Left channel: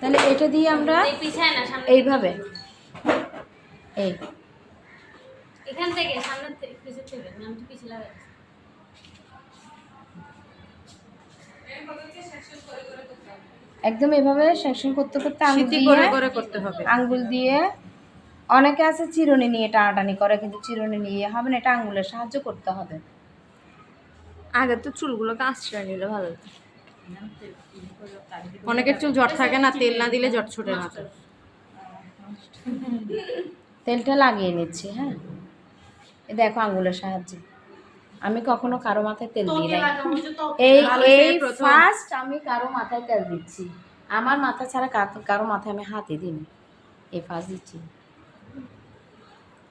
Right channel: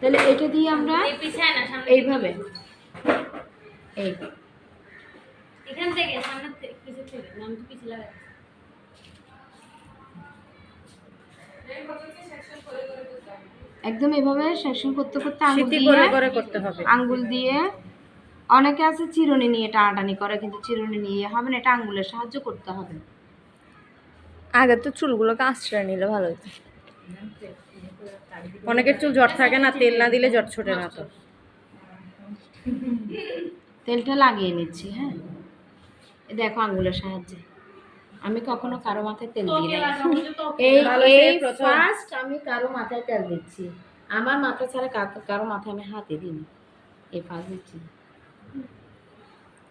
তাহলে এটা দিয়ে আমরা এইভাবে এই এখান থেকে সামনে পিছে চলে নাম তো পিছে লাগা একদম এইভাবে সেকশন করতে করতে করতে হবে। আঙ্গুল দিয়ে অনেকে আছে চিরুনি নিয়ে টানাটানি করে, কিন্তু চিরুনি নিয়ে হবে না, এটা আঙ্গুলের সাহায্য করতে হবে। আগে তো চুলগুলোকে আশ্রয় নিলে ভালো হতো। অনেকের চুল জট থাকে না, তেল না দিলে জট ছোটে না। তো তেলটা লাগিয়ে নিচ্ছি। হ্যাঁ, এই দেখো আঙ্গুলের সাহায্যে আমি কখনো কারো মাথায় তেল দিই না। এই ফার্স্ট আমি কারো মাথায় তেল দিচ্ছি। আমার মাথা ছাড়া কারো মাথায় আমি হাতে দিই, এই ফার্স্ট দিচ্ছি।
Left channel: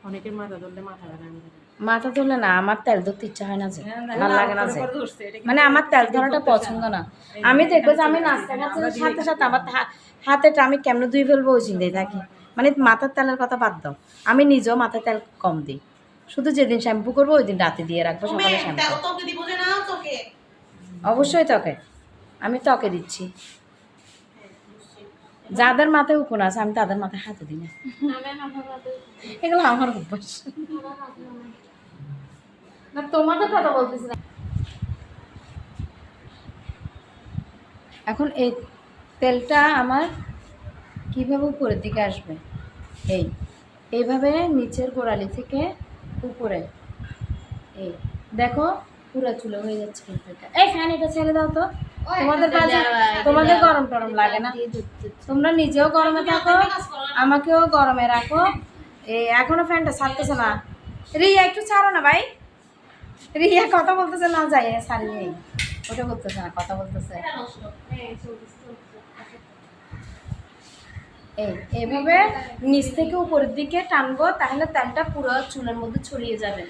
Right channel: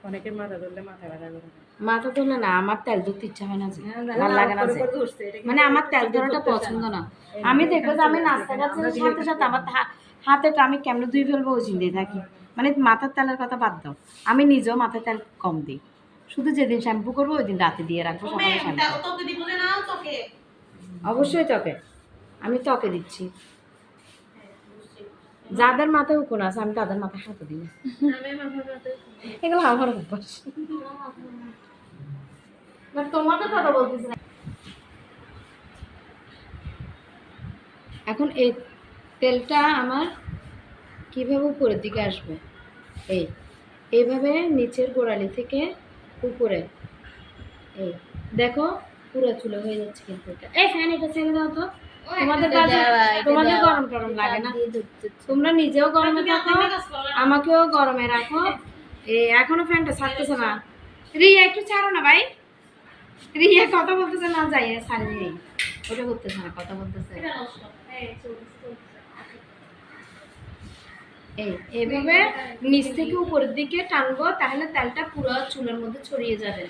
অনেকের মাথা ধরলে মাথা ব্যথা করে। মাথা ধরলে না, আমার তেল ধরতে ইচ্ছা হয় না, যে ভালো লাগে না, মানে আমার তেল ধরাটা পছন্দ না। আমি দেখবো যে আমি নাস্তা খাচ্ছি সাথে সাথে আমার হাতেটা আমি কেমন ধুয়ে ফেলবো ওই চিন্তায় থাকি। মানে মাথার তেলের কথা বাদ দাও, আমি নিজেও মাথায় তেল কম দিই। শুধু যেদিন শ্যাম্পু করবো ওই দিন রাতে দিয়ে রাখবো, সকালে শ্যাম্পু। অবশ্যই ত্বকে, আমি ত্বকে দিচ্ছি। যাদের মাথায় উকুন আছে আমি তাদের মাথায় হাতে দিই না, এগুলো আমার অভ্যাস। না তোমাদের কথা বলতেছি না। এখন এই তেলটা আমার কিভাবে উপরের দিকে আসবে, এইভাবে নিচের গোড়ালি থেকে উপরে, এই দেখো পুরো চুলে হয়ে যাচ্ছে। কিন্তু এই ফ্যান এটা ছেড়ে দাও তো, তোমাদের গরম টরম লাগে না, তোমরা নিজেও গরমে থাকো আমাকেও গরমে রাখো। এই এখনো ফ্যানটা ছাড়তেছে না। রিয়া একটু ছাড়ো না ভাই, রিয়া কথা বলতেছে না, যাই ছাড়িয়ে ওটা করতেছে না, কথা বলতেছে। এইভাবে নিচ থেকে উপরের দিকে টানবো, তাহলে তেলটা পুরো চুলের মধ্যে ছড়িয়ে যাবে।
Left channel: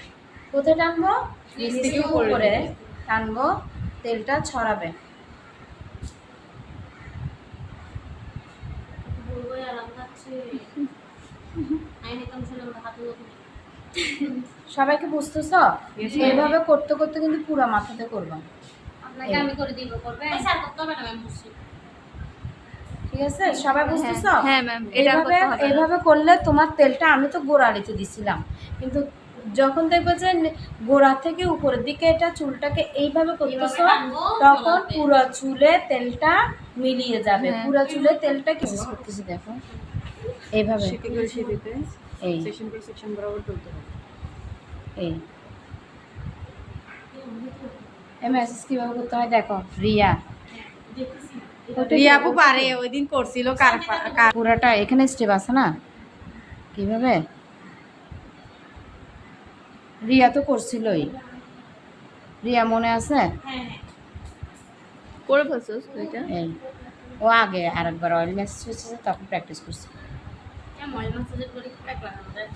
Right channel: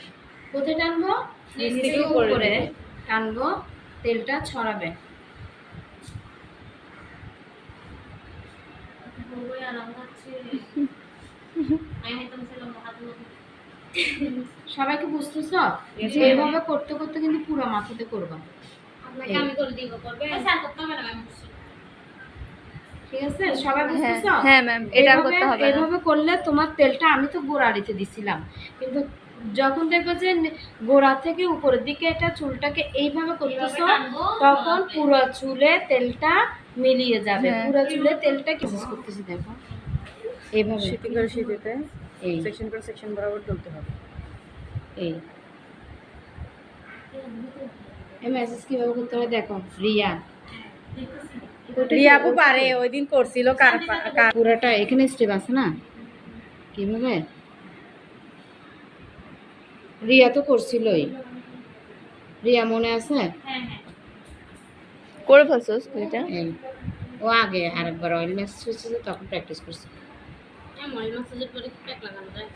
কোথায় টানবো? নিচ থেকে উপরে টানবো, তেলটা ছড়াবে। সবাইকে বুঝতেছ? এইভাবে করতে করতে কিন্তু পুরো মাথাতে করবা। আপনাকে আমি করে দিব, করবে স্যার করতে হবে না ম্যাম, বুঝছি। ঠিক আছে, সবাই বুঝতেছ? হ্যাঁ ম্যাম, এটা করতে হবে। এইভাবে করলে তোমার তেলটা, আমি তো গোড়ালিতে দিছিলাম, কিন্তু যখন দেখবে যে গোড়া থেকে উপরের দিকে এটা চুলটাকে এইভাবে করতেছো, তখন পুরো চুলে তেলটা মিলিয়ে যাবে। পুরো চুলে তেলটা কিস করতেছি, দেখো এইভাবে সিটি করে সিটিতে এই সেকশন করে সেকশন বরাবর তুলতে হবে। এই মেসেজ কিভাবে করতে হয় দেখো। রিয়া আপু পারে, ওই দিন করছিল পুরোটা এখানে স্টেপ আছে না, কিভাবে রিয়া তো করছিলই। রিয়া মনে আছে? করে ফেলছস তুইটা? এই ও আগে আরেকবার অয়েল ম্যাসেজ হয়েছে, তখন প্র্যাকটিস করছে। অয়েল ম্যাসেজের পরে প্যাক লাগানো যায়।